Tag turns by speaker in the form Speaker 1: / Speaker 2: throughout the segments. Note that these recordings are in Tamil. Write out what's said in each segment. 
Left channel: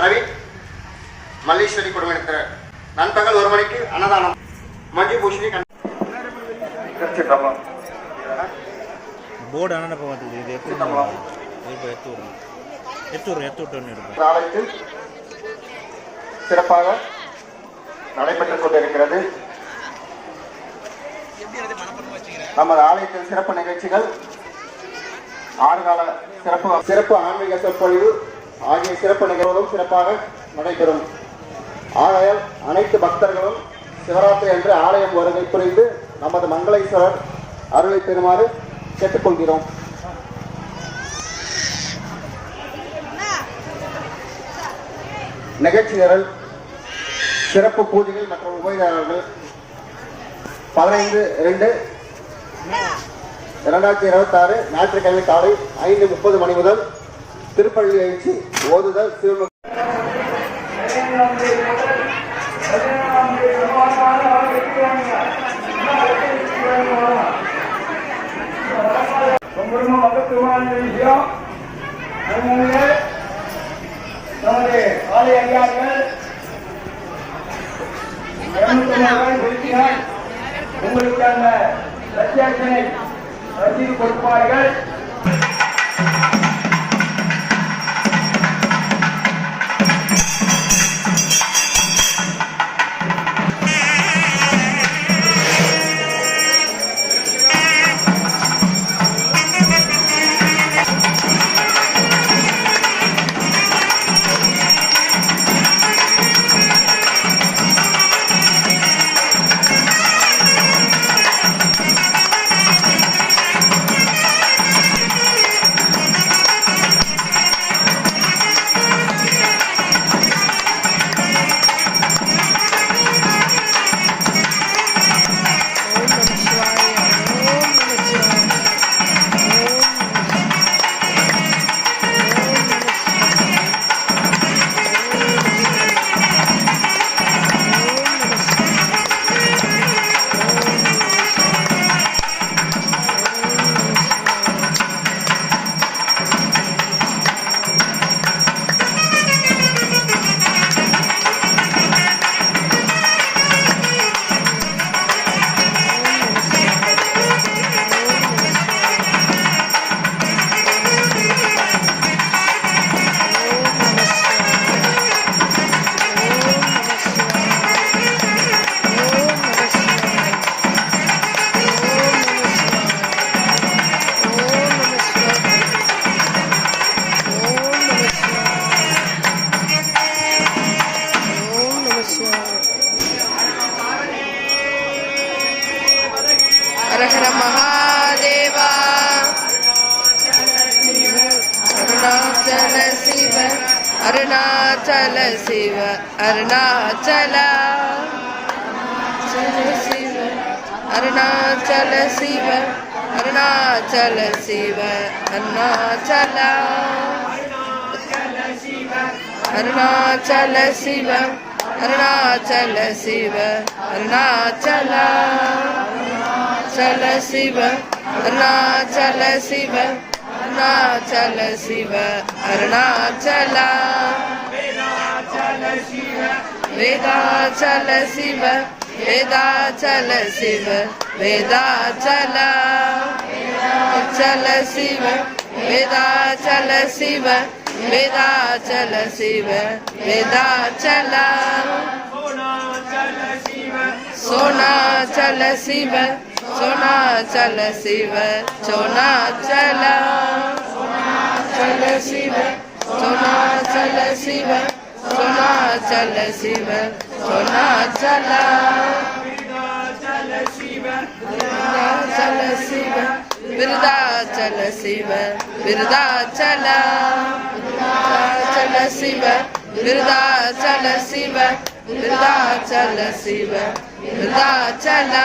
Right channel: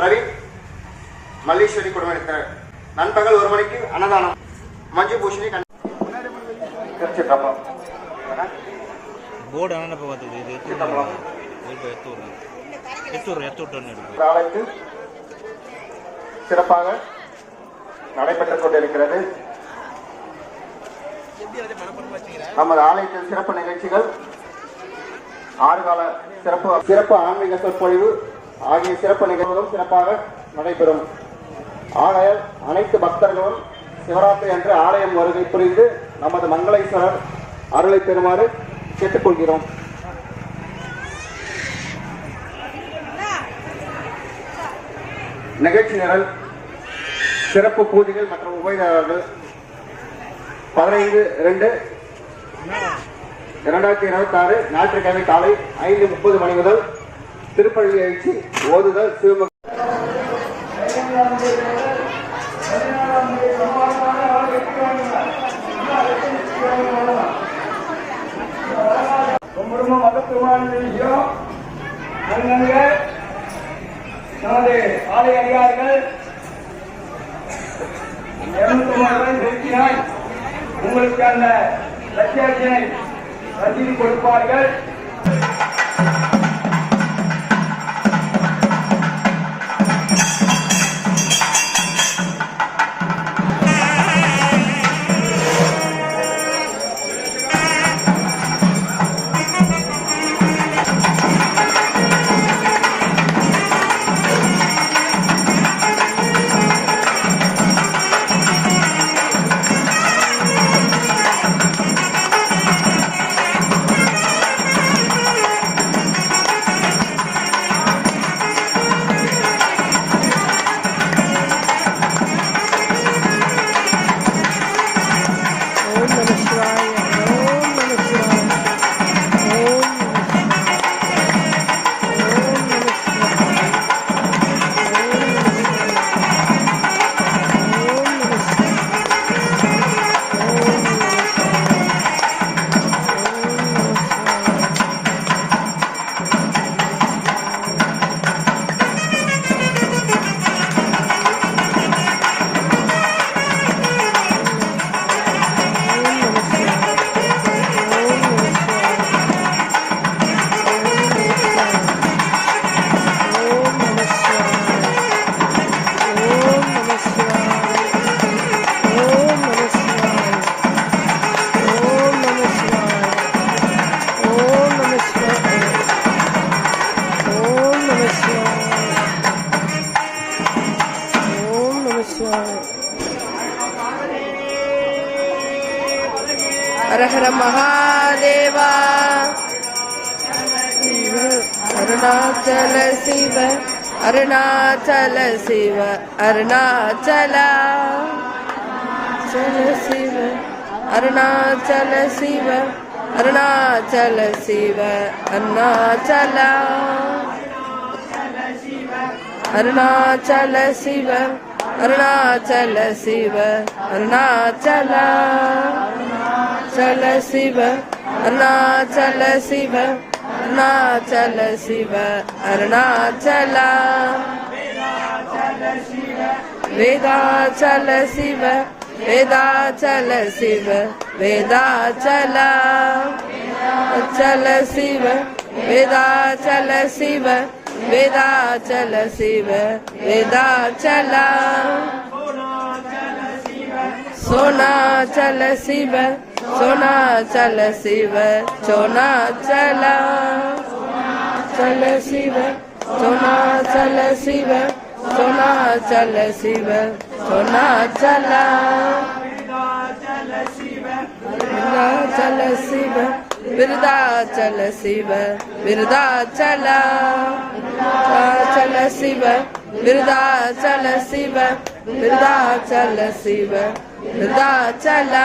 Speaker 1: பிரவீன் மல்லீஸ்வரி குடும்பத்தினர் நண்பகல் ஒரு மணிக்கு அன்னதானம். மஞ்சு பூஷணி.
Speaker 2: போர்டு இப்போ பார்த்துக்கு இது எடுத்து எடுத்து விடுங்க எடுத்து விட்றேன் எடுத்து
Speaker 1: ஆலயத்தில் சிறப்பாக நடைபெற்றுக் கொண்டிருக்கிறது. நமது ஆலயத்தில் சிறப்பு நிகழ்ச்சிகள் ஆறுகால சிறப்பு சிறப்பு ஆன்மீக சொற்பொழிவு ஆகிய சிறப்பு நிகழ்வுகளும் சிறப்பாக நடைபெறும். ஆகையால் அனைத்து பக்தர்களும் சிவராத்திரி அன்று ஆலயம் வருகை புரிந்து நமது மங்களேஸ்வரர் அருளை பெறுமாறு கேட்டுக்கொள்கிறோம். நிகழ்ச்சி நிரல் சிறப்பு பூஜைகள் மற்றும் உபயதாரர்கள் பதினைந்து ரெண்டு இரண்டாயிரத்தி இருபத்தி ஆறு ஞாயிற்றுக்கிழமை காலை ஐந்து முப்பது மணி முதல் திருப்பள்ளி எழுச்சி ஓதுதல் சிவமுக
Speaker 3: ரொம்ப மகத்துவமான விஷயம் அங்கங்க நமது ஆலய அதிகாரிகள் உங்களுக்கு அந்த லட்சியத்தினை கொடுப்பார்கள்
Speaker 4: அருணாச்சல சிவ அருணாச்சலா சல சிவ அருணாச்சல சிவ அருணாச்சல சிவ அருணாச்சலா அருணாச்சல சிவ அருணாச்சல சிவ அருணாச்சலா சல சிவ அருணாச்சல சிவ அருணாச்சல சிவ அருணாச்சலா வேதாச்சல சிவ வேதாச்சல சிவ வேதாச்சலா அச்சல சிவ வேதாச்சல சிவ வேதாச்சல சிவ வேதாச்சலா சோனாச்சல சிவ सोना चल शिव सोना चला चल शिव सोना चल शिव सोना चल शिव सोना चला चल शिव चल शिव बिरदा चल शिव बिरदा चला चल शिव बिरदा चल शिव बिरदा चल शिव बिरदा चला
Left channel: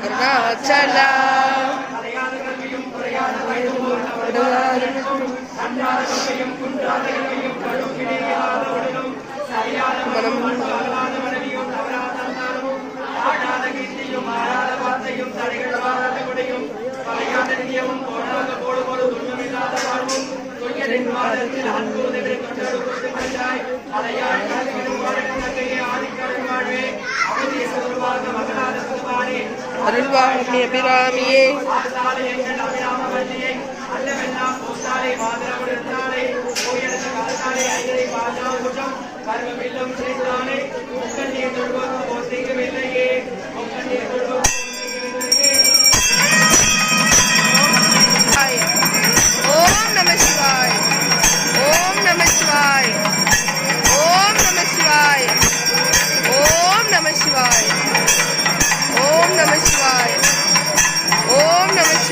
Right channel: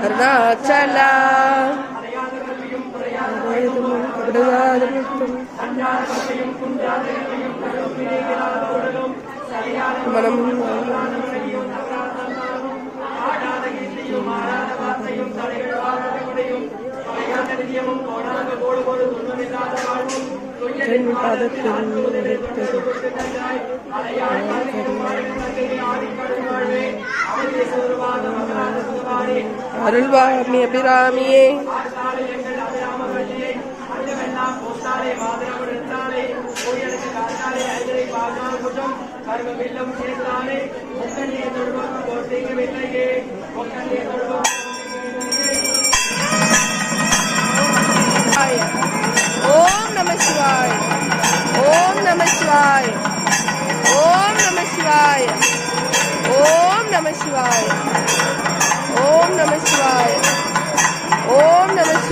Speaker 4: அருணாச்சலா மனம் அலையாள் ஆதிக்கடும் வாழ்வே அருள்வாழ்மிய பிராமியே கர்மவில்லும் சேர்த்தானே. முக்கண்ணீர் தொழுவதும் ஓர் தீங்கவில்லையே முக்கண்ணீர் தொழுவதும்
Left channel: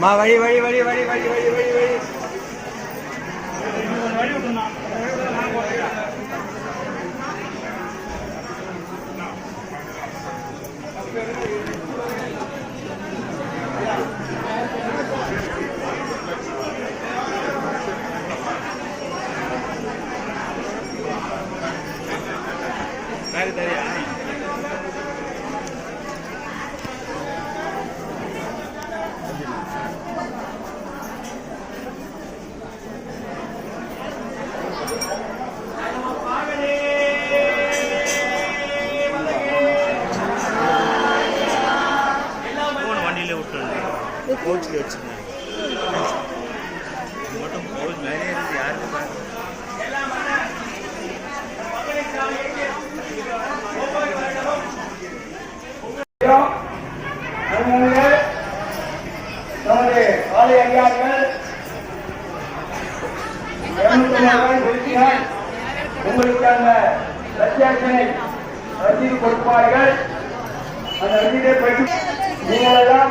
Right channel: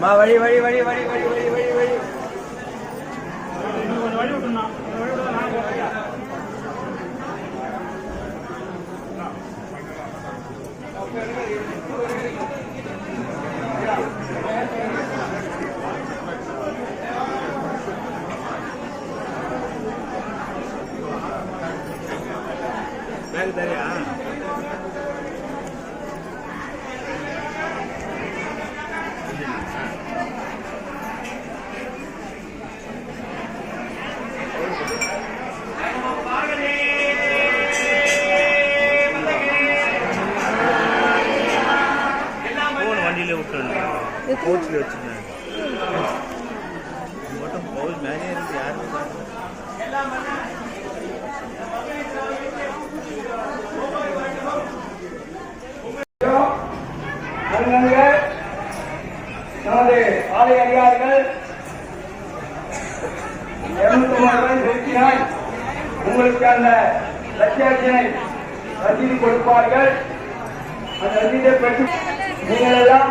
Speaker 3: माँ वही
Speaker 2: वही वही वही वही वही वही वही Thank you. बहुत ही अच्छी
Speaker 3: है நமது ஆலை அதிகாரிகள் செலுத்தினால் உங்களுக்கு அந்த லட்சியாட்சினை ரசீது கொடுப்பார்கள் அந்த ரசீதை பற்றி நீங்கள் எல்லாம்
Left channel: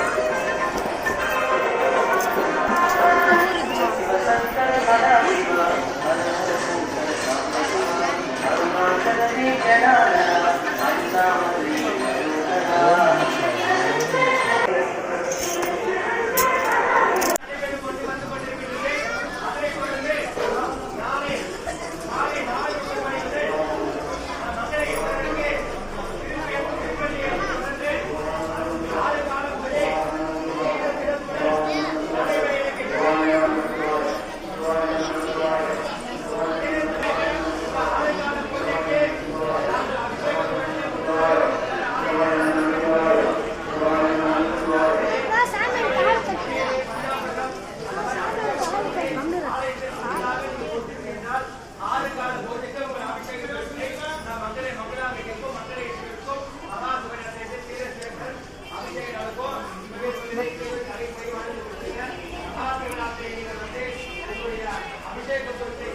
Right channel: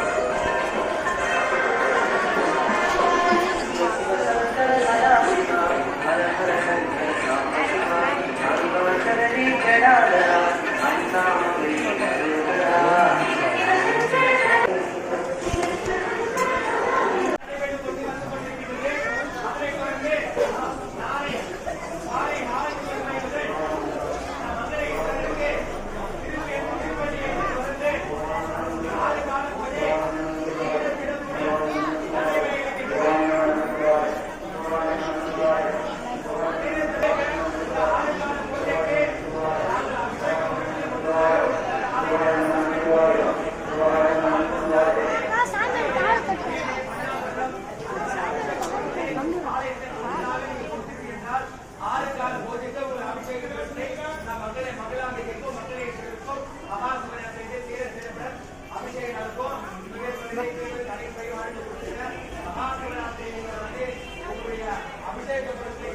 Speaker 3: அபிஷேகத்திற்கு